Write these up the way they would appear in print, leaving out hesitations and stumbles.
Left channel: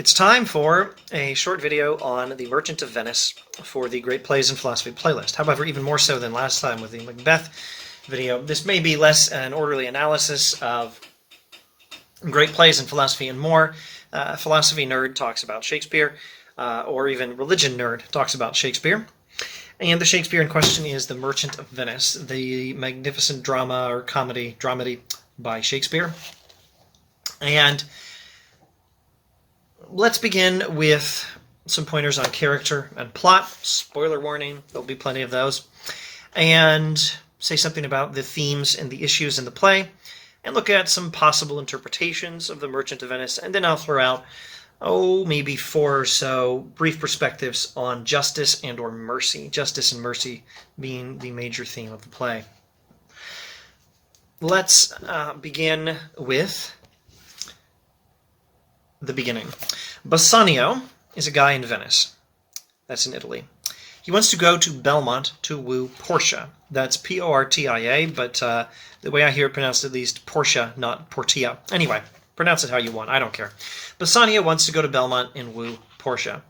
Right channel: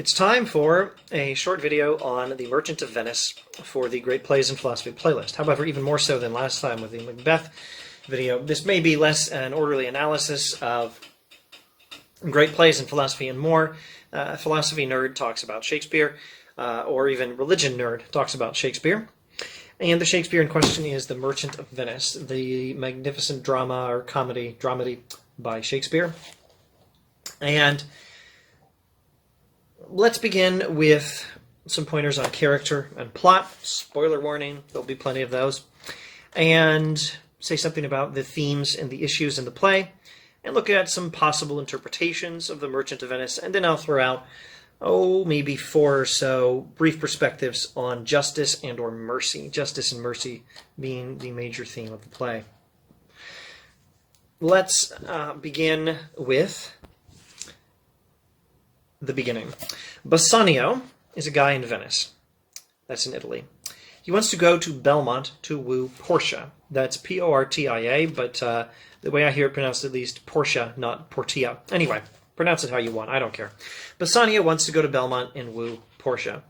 It's time for a short video on The Merchant of Venice for the Great Plays and Philosophy playlist. However, even more so than last time with the Macbeth video, this may be less an orderly analysis of great plays and philosophy and more. Philosophy nerd talks about Shakespeare, or even religion nerd talks about Shakespeare. And the Shakespeare in question is The Merchant of Venice, the magnificent drama or dramedy by Shakespeare. And let's begin with some pointers on character and plot. Spoiler warning, there'll be plenty of those. And say something about the themes and the issues in the play, and look at some possible interpretations of The Merchant of Venice, and then I'll throw out, maybe 4 or so brief perspectives on justice and or mercy. Justice and mercy being the major theme of the play. Let's begin with the beginning. Bassanio is a guy in Venice. That's in Italy. He wants to go to Belmont to woo Portia. That's P-O-R-T-I-A, but the way I hear it pronounced, at least, Portia, not Portia. Anyway, pronounce it how you want. I don't care. Bassanio wants to go to Belmont and woo Portia.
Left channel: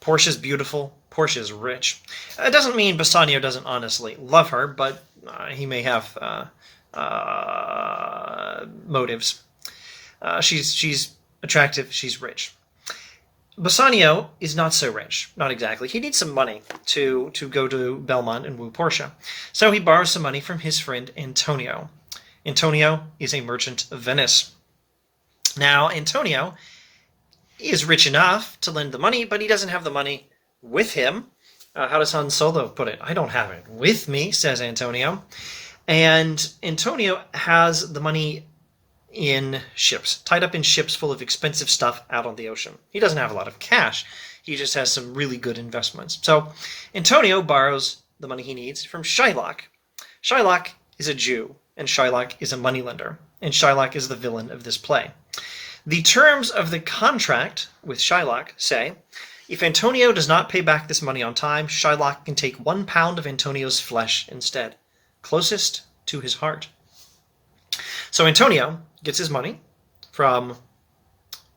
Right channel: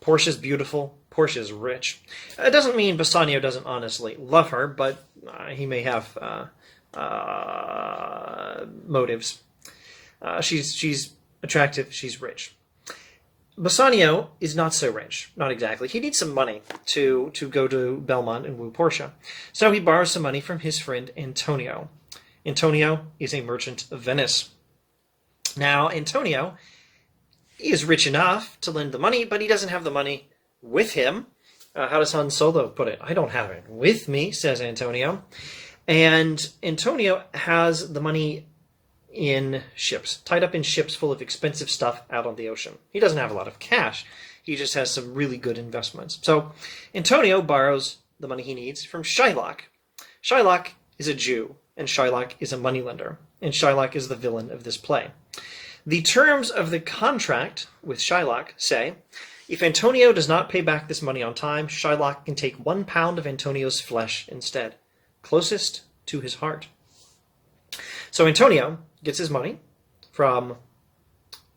Portia's beautiful. Portia's rich. It doesn't mean Bassanio doesn't honestly love her, but he may have motives. She's attractive. She's rich. Bassanio is not so rich. Not exactly. He needs some money to go to Belmont and woo Portia. So he borrows some money from his friend Antonio. Antonio is a merchant of Venice. Now, Antonio is rich enough to lend the money, but he doesn't have the money with him. How does Han Solo put it? I don't have it with me, says Antonio. And Antonio has the money in ships, tied up in ships full of expensive stuff out on the ocean. He doesn't have a lot of cash. He just has some really good investments. So Antonio borrows the money he needs from Shylock. Shylock is a Jew, and Shylock is a moneylender, and Shylock is the villain of this play. The terms of the contract with Shylock say, if Antonio does not pay back this money on time, Shylock can take 1 pound of Antonio's flesh instead, closest to his heart. So Antonio gets his money from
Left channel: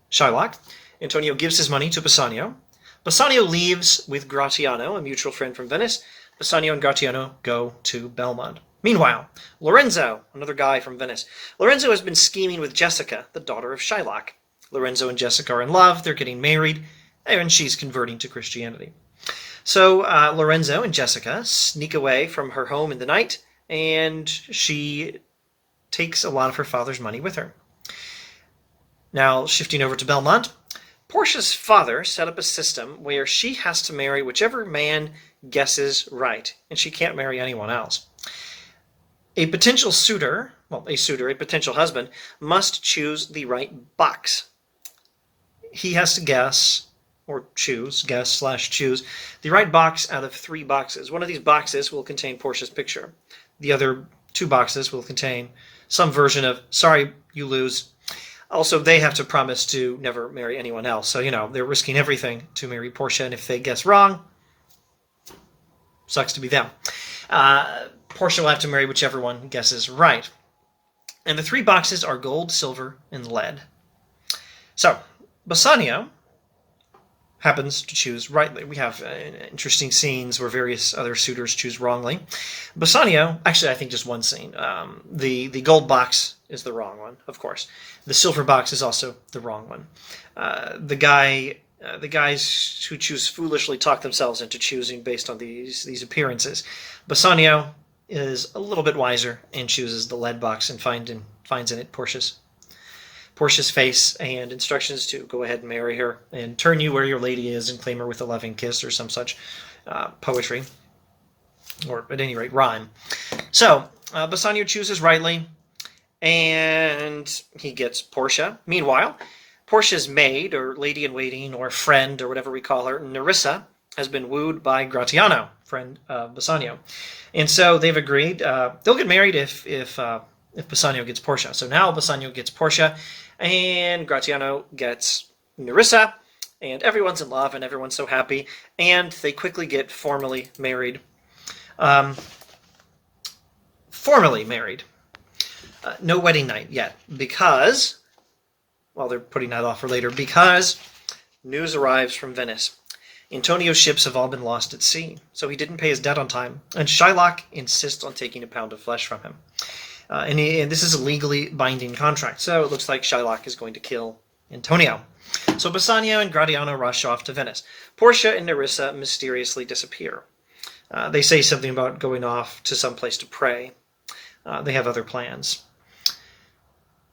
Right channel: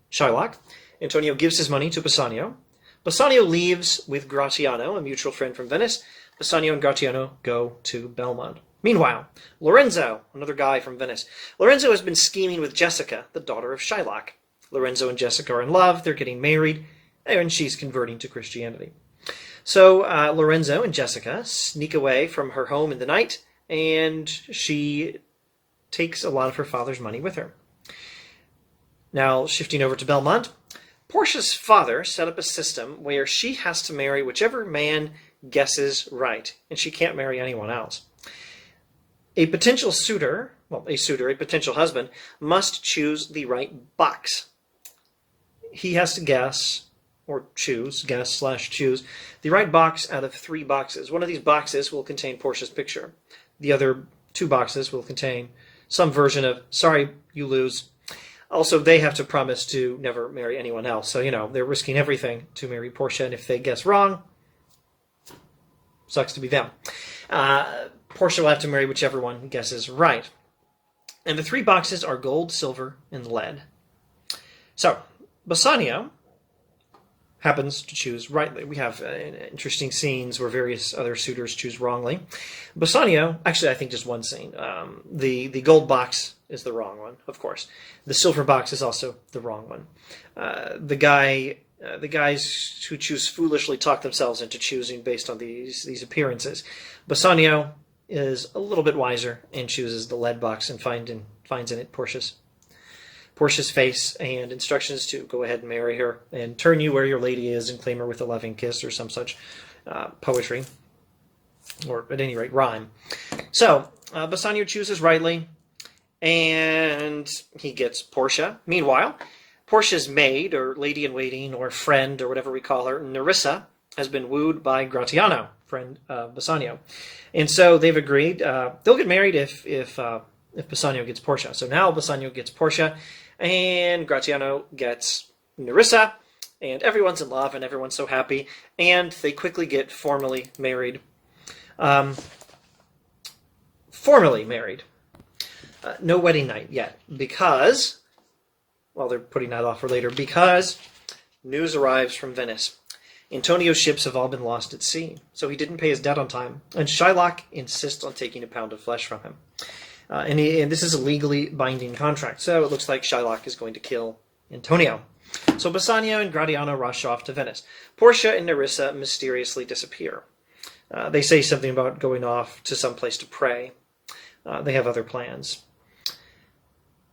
Shylock. Antonio gives his money to Bassanio. Bassanio leaves with Gratiano, a mutual friend from Venice. Bassanio and Gratiano go to Belmont. Meanwhile, Lorenzo, another guy from Venice. Lorenzo has been scheming with Jessica, the daughter of Shylock. Lorenzo and Jessica are in love. They're getting married, and she's converting to Christianity. So Lorenzo and Jessica sneak away from her home in the night, and she takes a lot of her father's money with her. Now, shifting over to Belmont, Portia's father set up a system where she has to marry whichever man guesses right, and she can't marry anyone else. A potential husband, must choose the right box. He has to guess the right box out of 3 boxes. One of these boxes will contain Portia's picture. The other 2 boxes will contain some version of, sorry, you lose. Also, they have to promise to never marry anyone else. So, they're risking everything to marry Portia, and if they guess wrong, sucks to be them. Portia will have to marry whichever one guesses right. And the 3 boxes are gold, silver, and lead. So, Bassanio happens to choose rightly. We have interesting scenes where various other suitors choose wrongly. Bassanio, actually I think just one scene. The gold box is the wrong one, of course. The silver box is also the wrong one. The guys who choose foolishly talk themselves into choosing based on these appearances. Bassanio is a little bit wiser and chooses the lead box and finds in it Portia's face and instructions to go ahead and marry her and turn you where your lady is and claim her with a loving kiss or some such poetry, or at any rate rhyme. So Bassanio chooses rightly, and he gets Portia. Meanwhile, Portia's maid, or lady-in-waiting, or friend, or whatever we call her, Nerissa, has been wooed by Gratiano, friend of Bassanio. And so they've agreed they'll get married if Bassanio gets Portia. So now Bassanio gets Portia, and Gratiano gets Nerissa, and everyone's in love, and everyone's so happy, and they quickly get formally married. No wedding night yet, because, well, they're putting that off for later, because News arrives from Venice. Antonio's ships have all been lost at sea, so he didn't pay his debt on time, and Shylock insists on taking a pound of flesh from him. And this is a legally binding contract, so it looks like Shylock is going to kill Antonio. So Bassanio and Gratiano rush off to Venice. Portia and Nerissa mysteriously disappear. They say something about going off to some place to pray. They have other plans.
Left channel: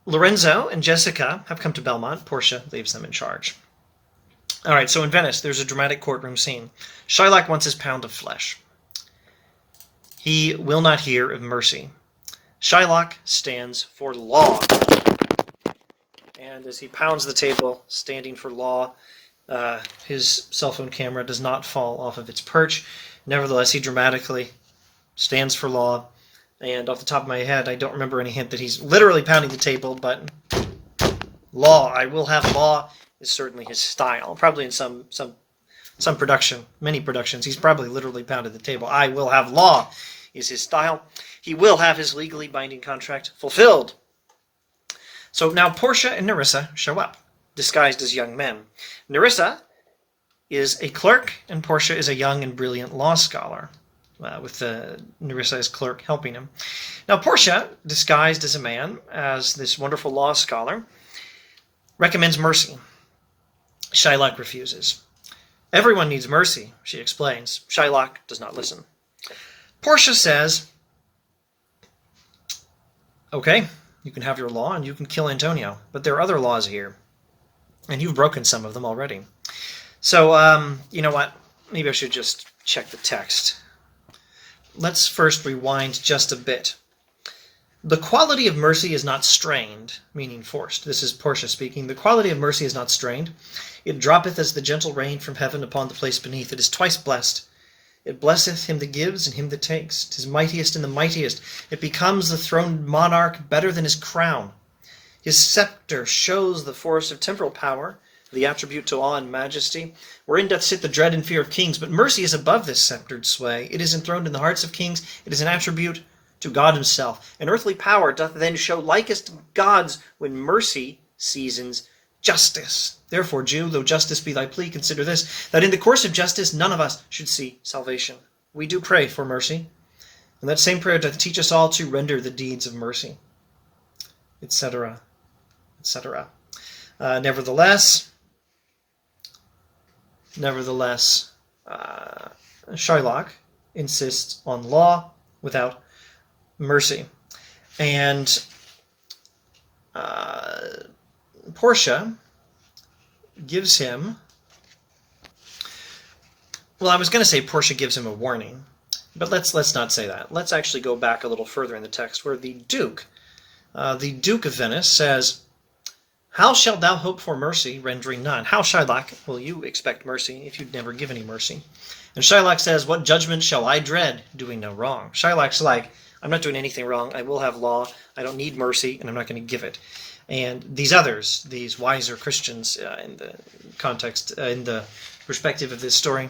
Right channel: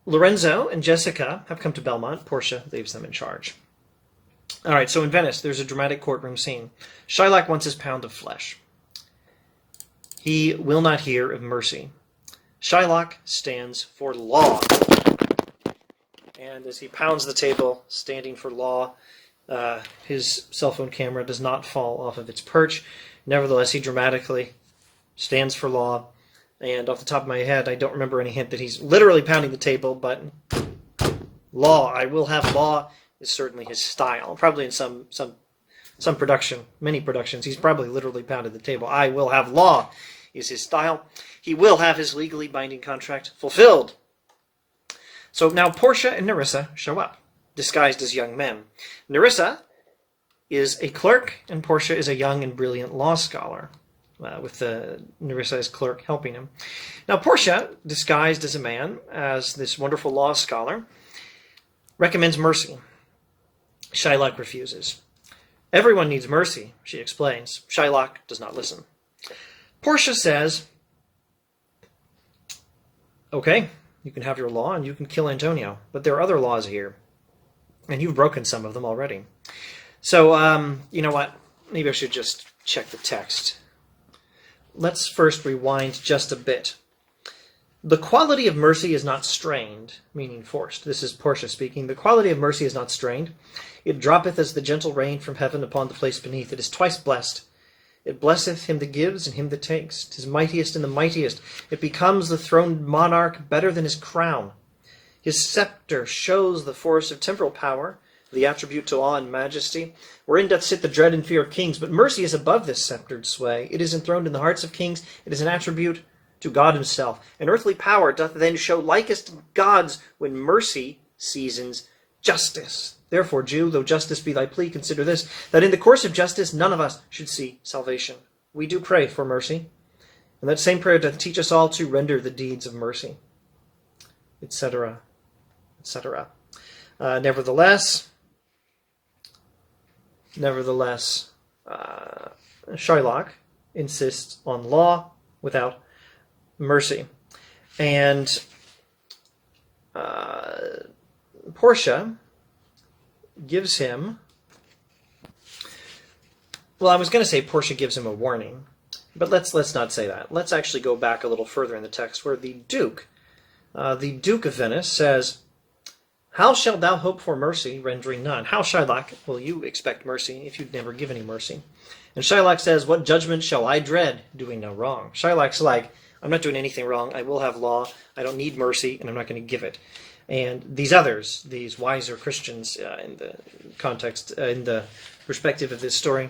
Lorenzo and Jessica have come to Belmont. Portia leaves them in charge. All right, so in Venice, there's a dramatic courtroom scene. Shylock wants his pound of flesh. He will not hear of mercy. Shylock stands for law. And as he pounds the table, standing for law, his cell phone camera does not fall off of its perch. Nevertheless, he dramatically stands for law. And off the top of my head, I don't remember any hint that he's literally pounding the table, but law, I will have law, is certainly his style. Probably in some production, many productions, he's probably literally pounded the table. I will have law is his style. He will have his legally binding contract fulfilled. So now Portia and Nerissa show up, disguised as young men. Nerissa is a clerk, and Portia is a young and brilliant law scholar, with Nerissa as clerk helping him. Now Portia, disguised as a man, as this wonderful law scholar, recommends mercy. Shylock refuses. Everyone needs mercy, she explains. Shylock does not listen. Portia says, okay, you can have your law and you can kill Antonio, but there are other laws here, and you've broken some of them already. So, you know what? Maybe I should just check the text. Let's first rewind just a bit. The quality of mercy is not strained, meaning forced. This is Portia speaking. The quality of mercy is not strained. It droppeth as the gentle rain from heaven upon the place beneath. It is twice blessed. It blesseth him that gives and him that takes. 'Tis mightiest in the mightiest. It becomes the throned monarch better than his crown. His scepter shows the force of temporal power, the attribute to awe and majesty, wherein doth sit the dread and fear of kings. But mercy is above this sceptered sway. It is enthroned in the hearts of kings. It is an attribute to God himself. An earthly power doth then show likest gods when mercy seasons justice. Therefore, Jew, though justice be thy plea, consider this, that in the course of justice none of us should see salvation. We do pray for mercy, and that same prayer doth teach us all to render the deeds of mercy, etc., etc. Nevertheless, Shylock insists on law without mercy. And Portia gives him, well, I was going to say Portia gives him a warning, but let's not say that. Let's actually go back a little further in the text where the Duke of Venice says, how shalt thou hope for mercy, rendering none? How, Shylock, will you expect mercy if you'd never give any mercy? And Shylock says, what judgment shall I dread, doing no wrong? Shylock's like, I'm not doing anything wrong. I will have law. I don't need mercy, and I'm not going to give it. And these others, these wiser Christians, in the context, in the perspective of this story,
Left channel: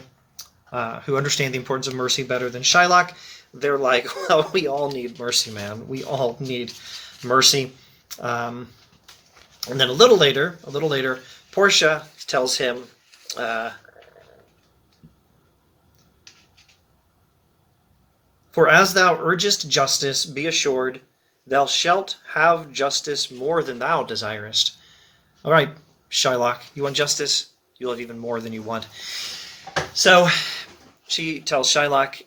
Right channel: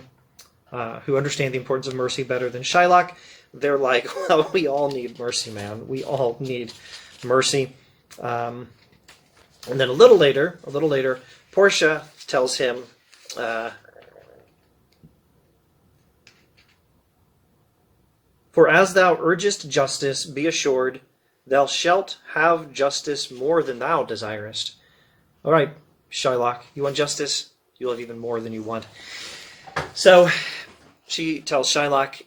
who understand the importance of mercy better than Shylock, they're like, well, we all need mercy, man. We all need mercy. And then a little later, Portia tells him, for as thou urgest justice, be assured, thou shalt have justice more than thou desirest. All right, Shylock, you want justice? You'll have even more than you want. So she tells Shylock,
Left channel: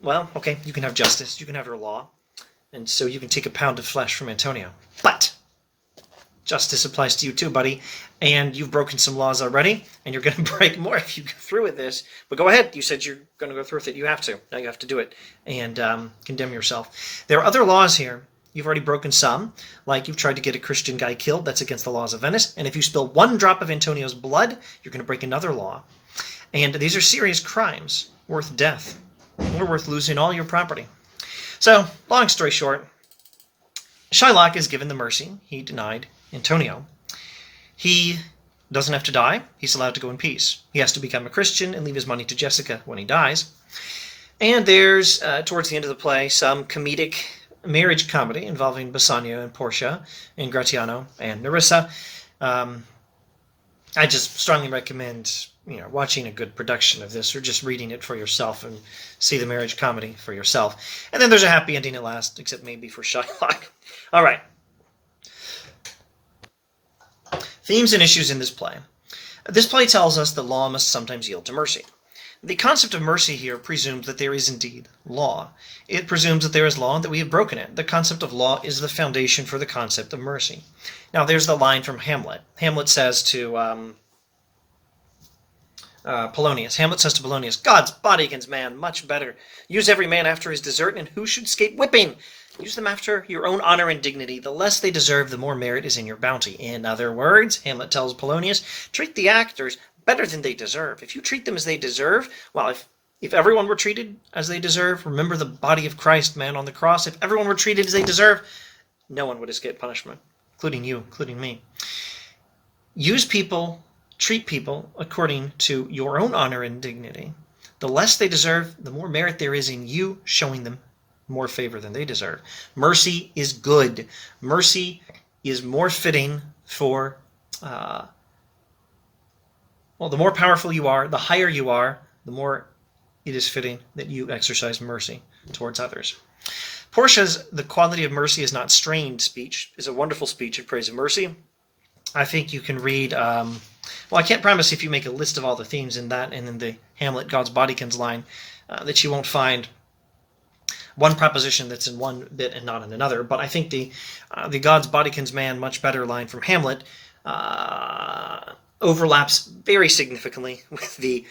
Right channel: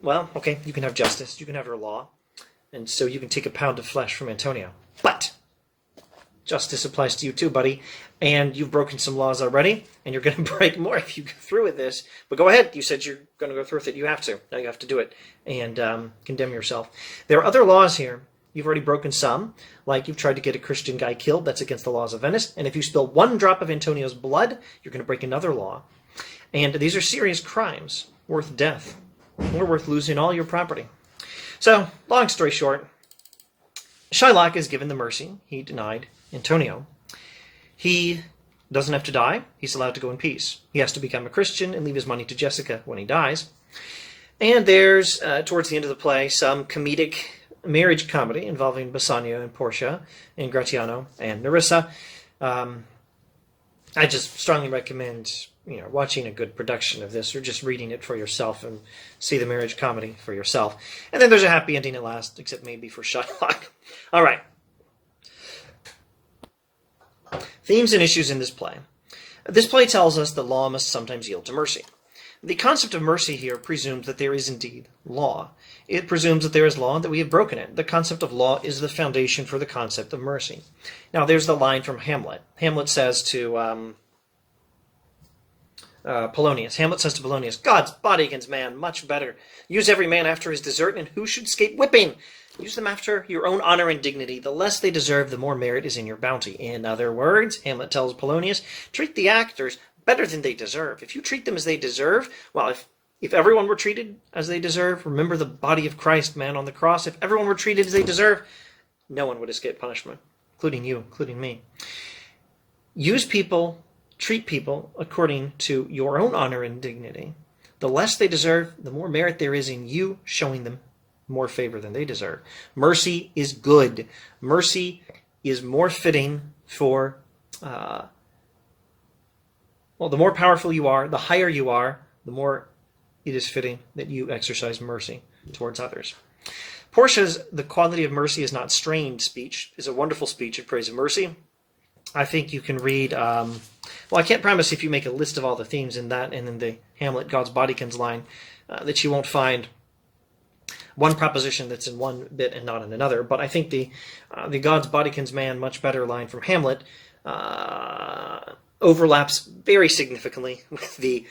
well, okay, you can have justice, you can have your law, and so you can take a pound of flesh from Antonio. But justice applies to you too, buddy, and you've broken some laws already, and you're going to break more if you go through with this. But go ahead. You said you're going to go through with it. You have to. Now you have to do it and condemn yourself. There are other laws here. You've already broken some, like you've tried to get a Christian guy killed. That's against the laws of Venice. And if you spill one drop of Antonio's blood, you're going to break another law. And these are serious crimes worth death or worth losing all your property. So, long story short, Shylock is given the mercy he denied Antonio. He doesn't have to die. He's allowed to go in peace. He has to become a Christian and leave his money to Jessica when he dies. And there's, towards the end of the play, some comedic marriage comedy involving Bassanio and Portia and Gratiano and Nerissa. I just strongly recommend watching a good production of this, or just reading it for yourself and see the marriage comedy for yourself. And then there's a happy ending at last, except maybe for Shylock. All right. Themes and issues in this play. This play tells us that law must sometimes yield to mercy. The concept of mercy here presumes that there is indeed law. It presumes that there is law and that we have broken it. The concept of law is the foundation for the concept of mercy. Now, there's the line from Hamlet. Hamlet says to Polonius. Hamlet says to Polonius, God's bodykins, man, much better. Use every man after his desert, and who should escape whipping? Use them after your own honor and dignity. The less they deserve, the more merit is in your bounty. In other words, Hamlet tells Polonius, treat the actors better than they deserve. If you treat them as they deserve, well, if everyone were treated as they deserve, remember the body of Christ, man, on the cross. If everyone were treated as they deserve, no one would escape punishment, including you, including me. Use people, treat people according to your own honor and dignity. The less they deserve, the more merit there is in you showing them more favor than they deserve. Mercy is good. Mercy is more fitting for the more powerful you are, the higher you are, the more it is fitting that you exercise mercy towards others. Portia's "The quality of mercy is not strained" speech is a wonderful speech in praise of mercy. I think you can read, I can't promise if you make a list of all the themes in that and in the Hamlet God's bodykins line that you won't find one proposition that's in one bit and not in another. But I think the God's bodykins man much better line from Hamlet overlaps very significantly with the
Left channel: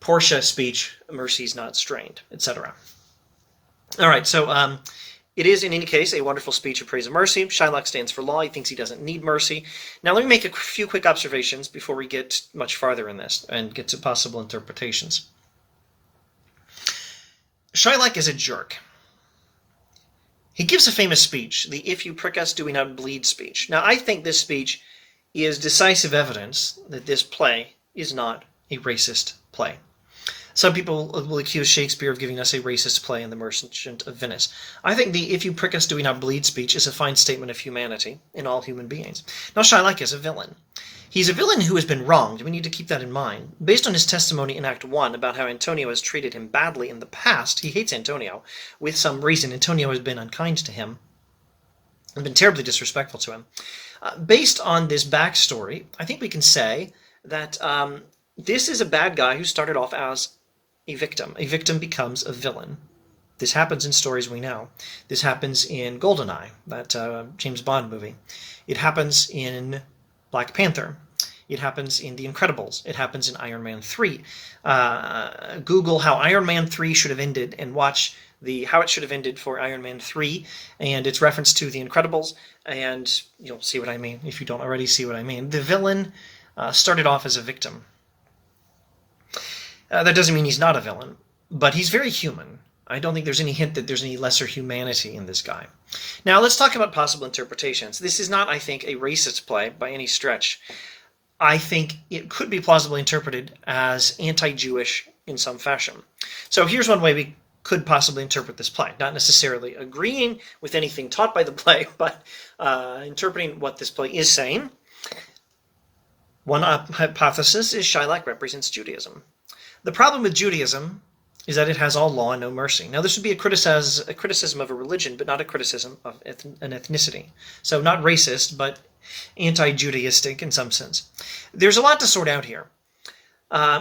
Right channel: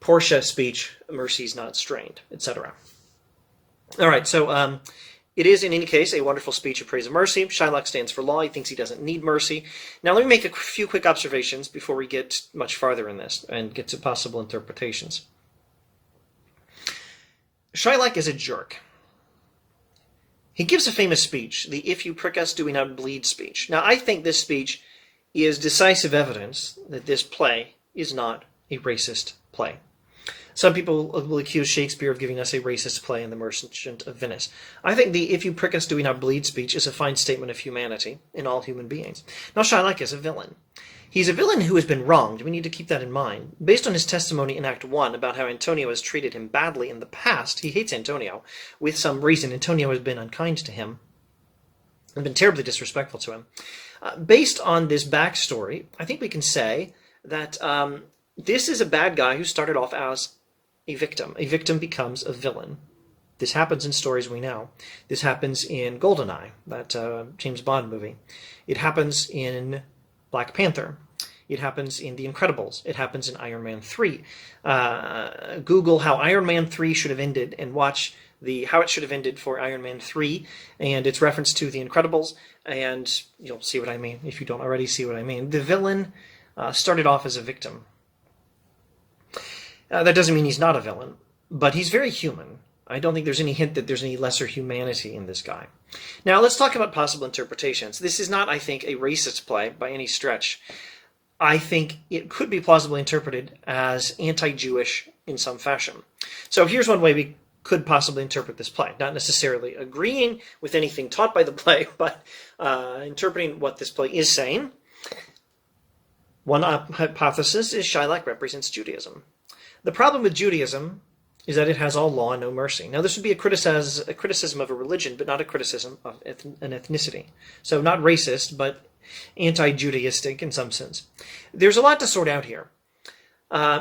Portia speech, mercy's not strained, etc. All right, so it is, in any case, a wonderful speech of praise of mercy. Shylock stands for law. He thinks he doesn't need mercy. Now, let me make a few quick observations before we get much farther in this and get to possible interpretations. Shylock is a jerk. He gives a famous speech, the "If you prick us, do we not bleed" speech. Now, I think this speech is decisive evidence that this play is not a racist play. Some people will accuse Shakespeare of giving us a racist play in The Merchant of Venice. I think the "If you prick us, do we not bleed" speech is a fine statement of humanity in all human beings. Now, Shylock is a villain. He's a villain who has been wronged. We need to keep that in mind. Based on his testimony in Act 1 about how Antonio has treated him badly in the past, he hates Antonio. With some reason, Antonio has been unkind to him and been terribly disrespectful to him. Based on this backstory, I think we can say that this is a bad guy who started off as a victim. A victim becomes a villain. This happens in stories we know. This happens in GoldenEye, that James Bond movie. It happens in Black Panther. It happens in The Incredibles. It happens in Iron Man 3. Google how Iron Man 3 should have ended and watch how it should have ended for Iron Man 3 and its reference to The Incredibles, and you'll see what I mean if you don't already see what I mean. The villain started off as a victim. That doesn't mean he's not a villain, but he's very human. I don't think there's any hint that there's any lesser humanity in this guy. Now, let's talk about possible interpretations. This is not, I think, a racist play by any stretch. I think it could be plausibly interpreted as anti-Jewish in some fashion. So here's one way we could possibly interpret this play. Not necessarily agreeing with anything taught by the play, but interpreting what this play is saying. One hypothesis is Shylock represents Judaism. The problem with Judaism is that it has all law and no mercy. Now, this would be a criticism of a religion, but not a criticism of an ethnicity. So not racist, but anti-Judaistic in some sense. There's a lot to sort out here.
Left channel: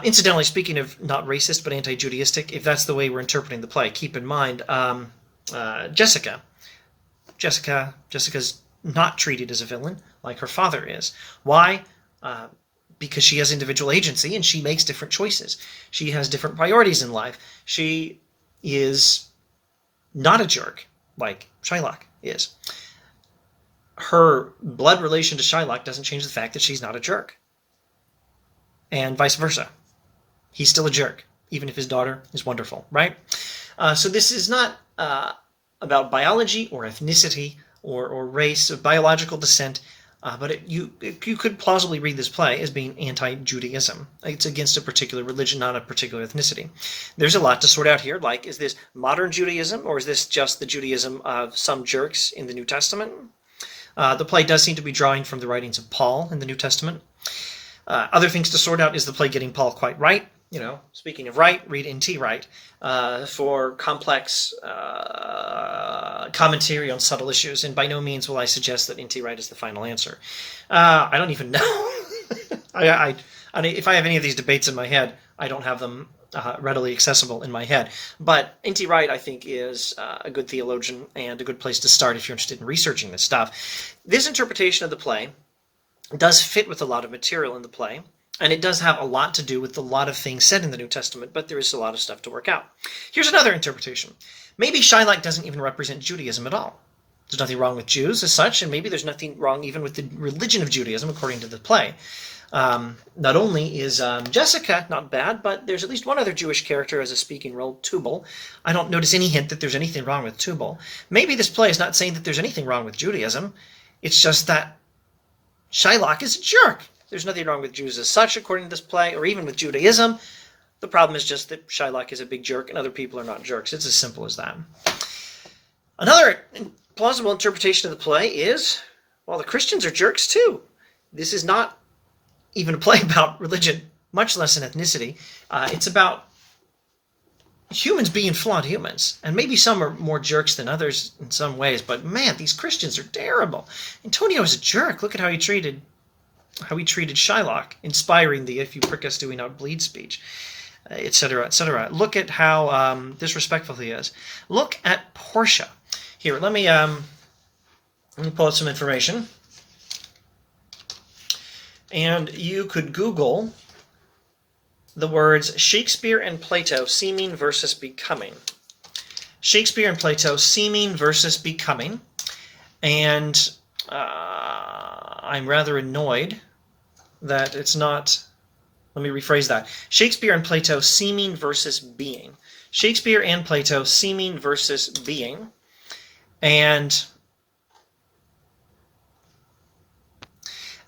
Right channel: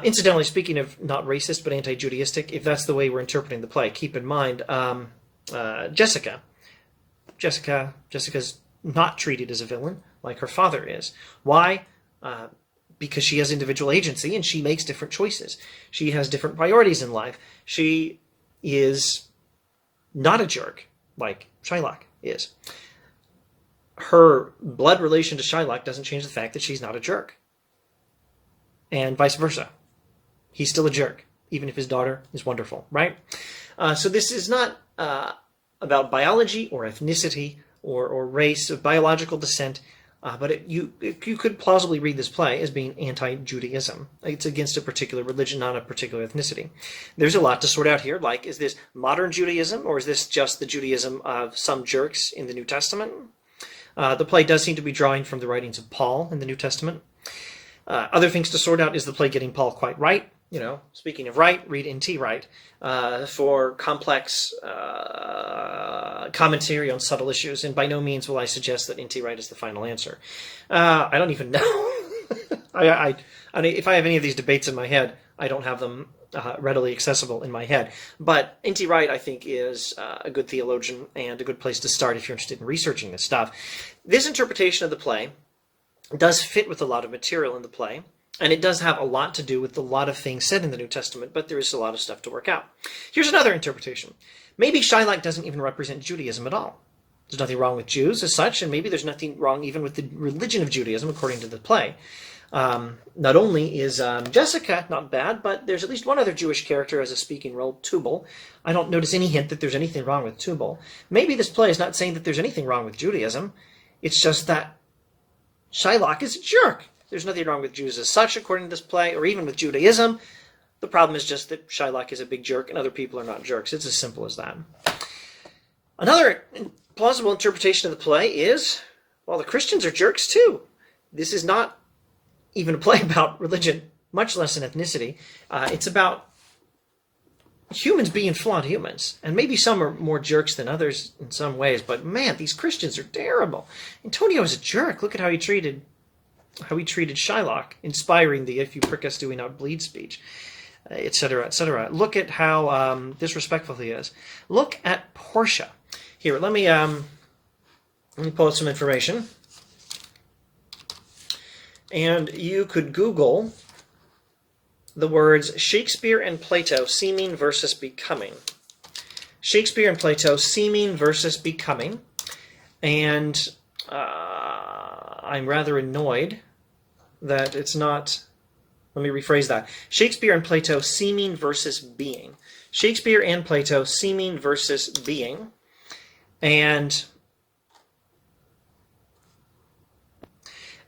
Incidentally, speaking of not racist, but anti-Judaistic, if that's the way we're interpreting the play, keep in mind Jessica. Jessica's not treated as a villain like her father is. Why? Because she has individual agency and she makes different choices. She has different priorities in life. She is not a jerk like Shylock is. Her blood relation to Shylock doesn't change the fact that she's not a jerk. And vice versa. He's still a jerk, even if his daughter is wonderful, right? So this is not about biology or ethnicity or race or biological descent. But you could plausibly read this play as being anti-Judaism. It's against a particular religion, not a particular ethnicity. There's a lot to sort out here, like, is this modern Judaism, or is this just the Judaism of some jerks in the New Testament? The play does seem to be drawing from the writings of Paul in the New Testament. Other things to sort out: is the play getting Paul quite right? You know, speaking of right, read N.T. Wright for complex commentary on subtle issues, and by no means will I suggest that N.T. Wright is the final answer. I don't even know. I mean, if I have any of these debates in my head, I don't have them readily accessible in my head. But N.T. Wright, I think, is a good theologian and a good place to start if you're interested in researching this stuff. This interpretation of the play does fit with a lot of material in the play, and it does have a lot to do with a lot of things said in the New Testament, but there is a lot of stuff to work out. Here's another interpretation. Maybe Shylock doesn't even represent Judaism at all. There's nothing wrong with Jews as such, and maybe there's nothing wrong even with the religion of Judaism, according to the play. Not only is Jessica not bad, but there's at least one other Jewish character as a speaking role, Tubal. I don't notice any hint that there's anything wrong with Tubal. Maybe this play is not saying that there's anything wrong with Judaism. It's just that Shylock is a jerk. There's nothing wrong with Jews as such, according to this play, or even with Judaism. The problem is just that Shylock is a big jerk and other people are not jerks. It's as simple as that. Another plausible interpretation of the play is, well, the Christians are jerks too. This is not even a play about religion, much less an ethnicity. It's about humans being flawed humans. And maybe some are more jerks than others in some ways, but man, these Christians are terrible. Antonio is a jerk. Look at how he treated Shylock, inspiring the "if you prick us, do we not bleed" speech, etc., etc. Look at how disrespectful he is. Look at Portia. Here, let me pull out some information. And you could Google the words Shakespeare and Plato, seeming versus becoming. Shakespeare and Plato, seeming versus becoming. And I'm rather annoyed that it's not... Let me rephrase that. Shakespeare and Plato, seeming versus being. Shakespeare and Plato, seeming versus being. And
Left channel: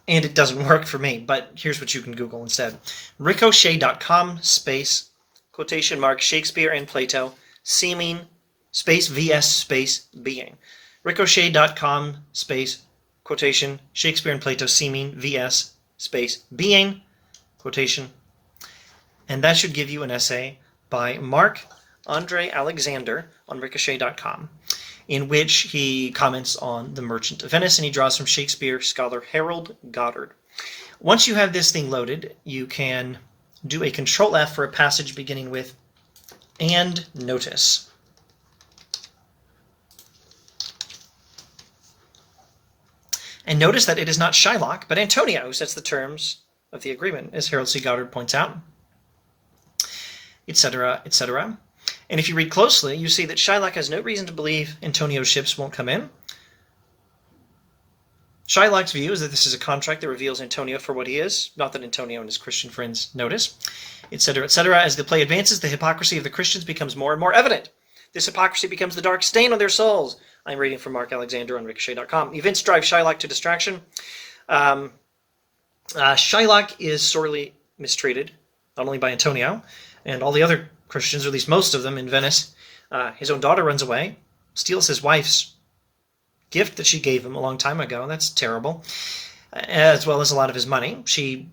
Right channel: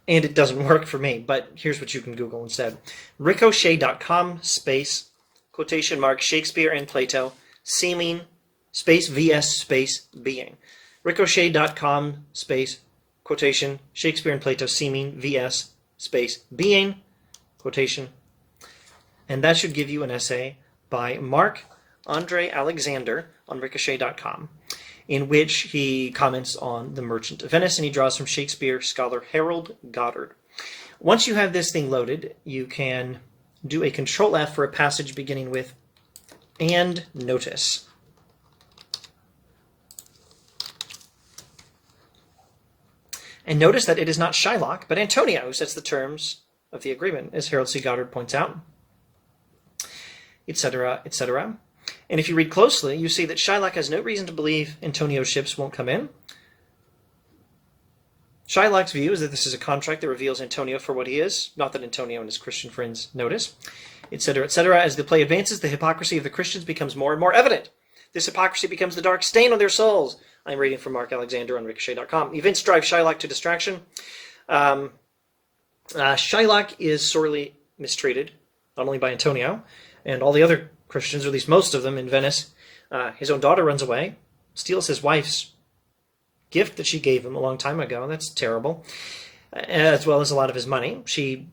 it doesn't work for me, but here's what you can Google instead. Ricochet.com space, quotation mark, Shakespeare and Plato, seeming, space, vs, space, being. Ricochet.com space, quotation, Shakespeare and Plato, seeming, vs, space, being, quotation. And that should give you an essay by Mark Andre Alexander on Ricochet.com, in which he comments on The Merchant of Venice, and he draws from Shakespeare scholar Harold Goddard. Once you have this thing loaded, you can do a Control F for a passage beginning with "and notice." And notice that it is not Shylock, but Antonio who sets the terms of the agreement, as Harold C. Goddard points out, etc., etc. And if you read closely, you see that Shylock has no reason to believe Antonio's ships won't come in. Shylock's view is that this is a contract that reveals Antonio for what he is, not that Antonio and his Christian friends notice, etc., etc. As the play advances, the hypocrisy of the Christians becomes more and more evident. This hypocrisy becomes the dark stain on their souls. I'm reading from Mark Alexander on Ricochet.com. Events drive Shylock to distraction. Shylock is sorely mistreated, not only by Antonio and all the other Christians, or at least most of them, in Venice. His own daughter runs away, steals his wife's gift that she gave him a long time ago. That's terrible. As well as a lot of his money. She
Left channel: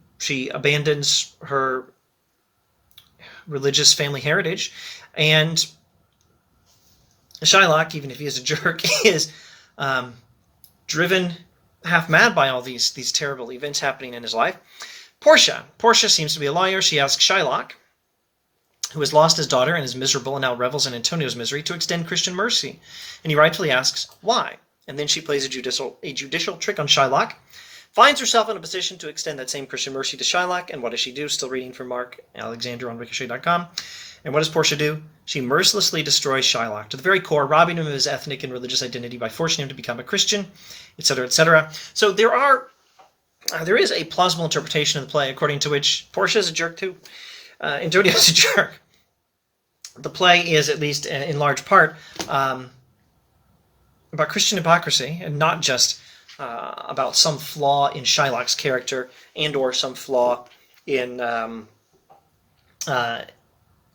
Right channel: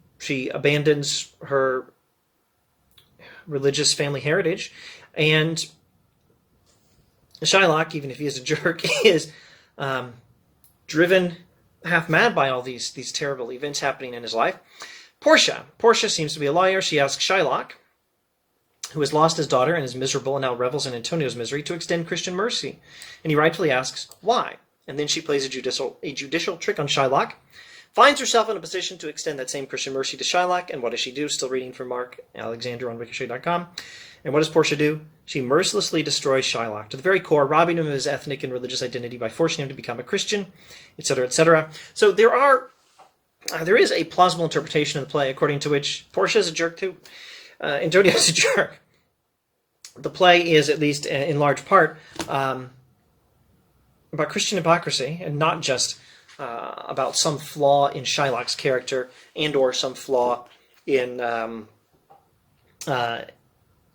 abandons her religious family heritage, and Shylock, even if he is a jerk, is driven half mad by all these terrible events happening in his life. Portia seems to be a lawyer. She asks Shylock, who has lost his daughter and is miserable and now revels in Antonio's misery, to extend Christian mercy. And he rightfully asks, why? And then she plays a judicial trick on Shylock, finds herself in a position to extend that same Christian mercy to Shylock, and what does she do? Still reading from Mark Alexander on Ricochet.com. And what does Portia do? She mercilessly destroys Shylock to the very core, robbing him of his ethnic and religious identity by forcing him to become a Christian, etc., etc. So there is a plausible interpretation of the play according to which Portia is a jerk too. Antonio is a jerk. The play is, at least in large part, about Christian hypocrisy, and not just about some flaw in Shylock's character and or some flaw in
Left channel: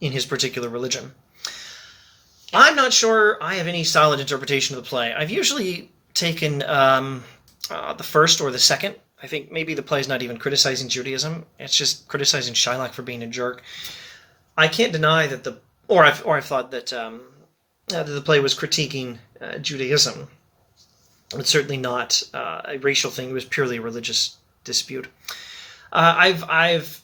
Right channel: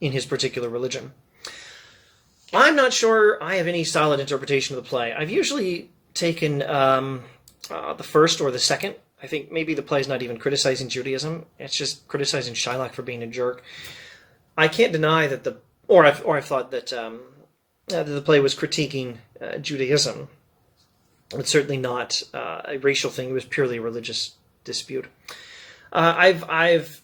his particular religion. I'm not sure I have any solid interpretation of the play. I've usually taken the first or the second I think maybe the play is not even criticizing Judaism. It's just criticizing Shylock for being a jerk. I can't deny that I've thought that the play was critiquing Judaism. It's certainly not a racial thing. It was purely a religious dispute. I've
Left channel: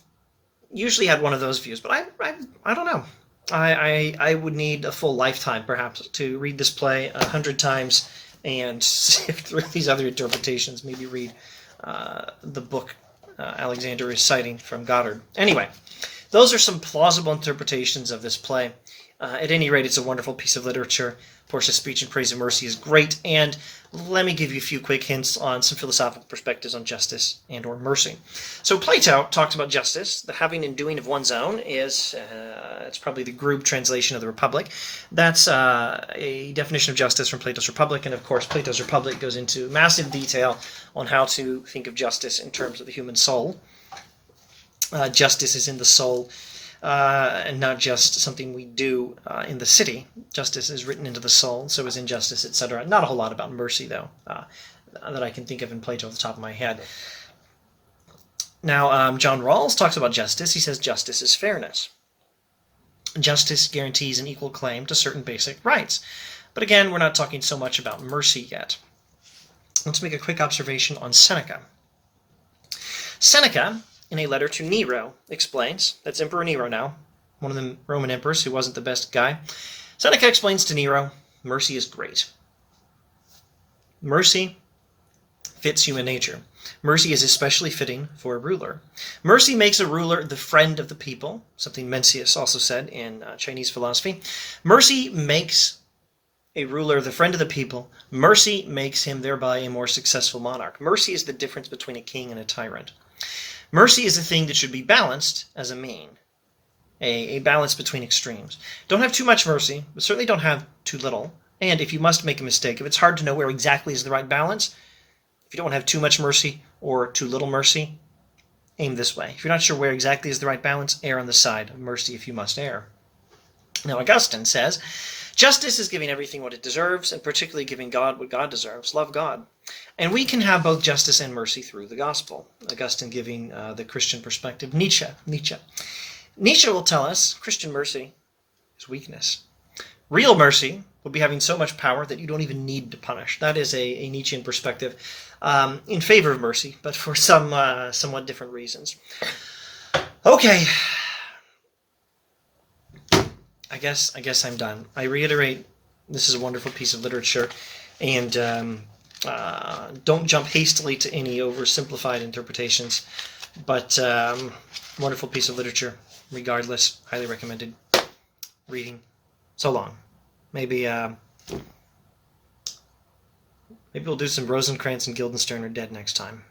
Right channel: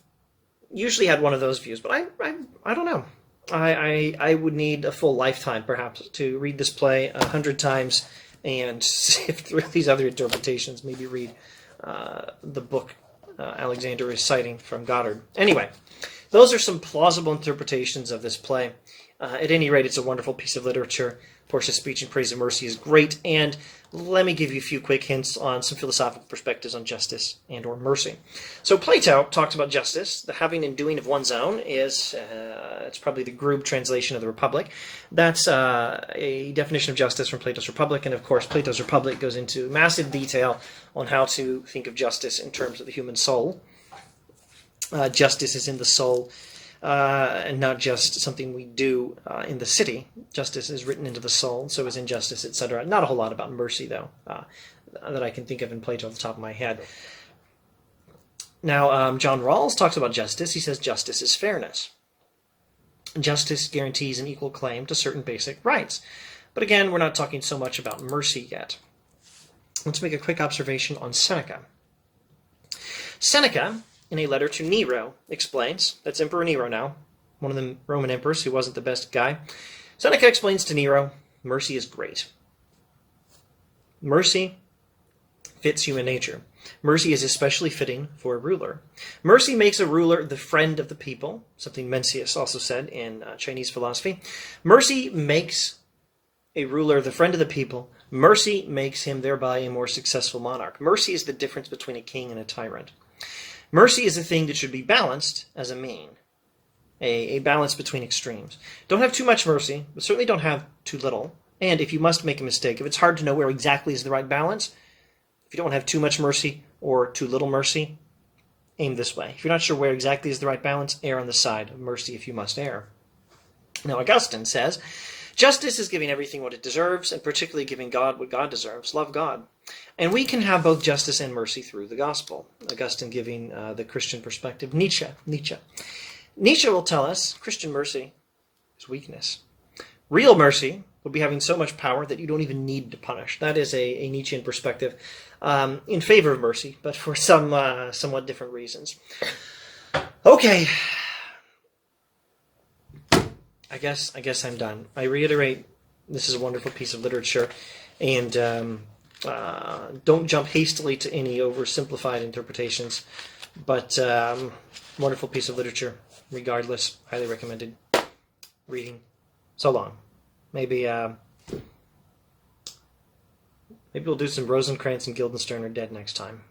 usually had one of those views, but I don't know. I would need a full lifetime, perhaps, to read this play 100 times and sift through these other interpretations. Maybe read the book Alexander is citing from Goddard. Anyway, those are some plausible interpretations of this play. At any rate, it's a wonderful piece of literature. Portia's speech in praise of mercy is great, and let me give you a few quick hints on some philosophical perspectives on justice and or mercy. So Plato talks about justice. The having and doing of one's own is, it's probably the Grube translation of the Republic. That's a definition of justice from Plato's Republic, and of course Plato's Republic goes into massive detail on how to think of justice in terms of the human soul. Justice is in the soul. And not just something we do in the city. Justice is written into the soul, so is injustice, etc. Not a whole lot about mercy, though, that I can think of in Plato off the top of my head. Now, John Rawls talks about justice. He says justice is fairness. Justice guarantees an equal claim to certain basic rights. But again, we're not talking so much about mercy yet. Let's make a quick observation on Seneca. Seneca, in a letter to Nero, explains, that's Emperor Nero now, one of the Roman emperors who wasn't the best guy. Seneca explains to Nero, mercy is great. Mercy fits human nature. Mercy is especially fitting for a ruler. Mercy makes a ruler the friend of the people, something Mencius also said in Chinese philosophy. Mercy makes a ruler the friend of the people. Mercy makes him thereby a more successful monarch. Mercy is the difference between a king and a tyrant. Mercy is a thing that should be balanced as a mean, a balance between extremes. Don't have too much mercy, but certainly don't have too little. And if you must make a mistake, if it's hard to know where exactly is the right balance, if you don't have too much mercy or too little mercy, aim this way. If you're not sure where exactly is the right balance, err on the side of mercy if you must err. Now, Augustine says, justice is giving everything what it deserves, and particularly giving God what God deserves. Love God. And we can have both justice and mercy through the gospel. Augustine giving the Christian perspective. Nietzsche will tell us Christian mercy is weakness. Real mercy will be having so much power that you don't even need to punish. That is a Nietzschean perspective in favor of mercy, but for some somewhat different reasons. Okay. I guess I'm done. I reiterate, this is a wonderful piece of literature, and don't jump hastily to any oversimplified interpretations, but wonderful piece of literature, regardless. Highly recommended reading. So long. Maybe we'll do some Rosencrantz and Guildenstern are Dead next time.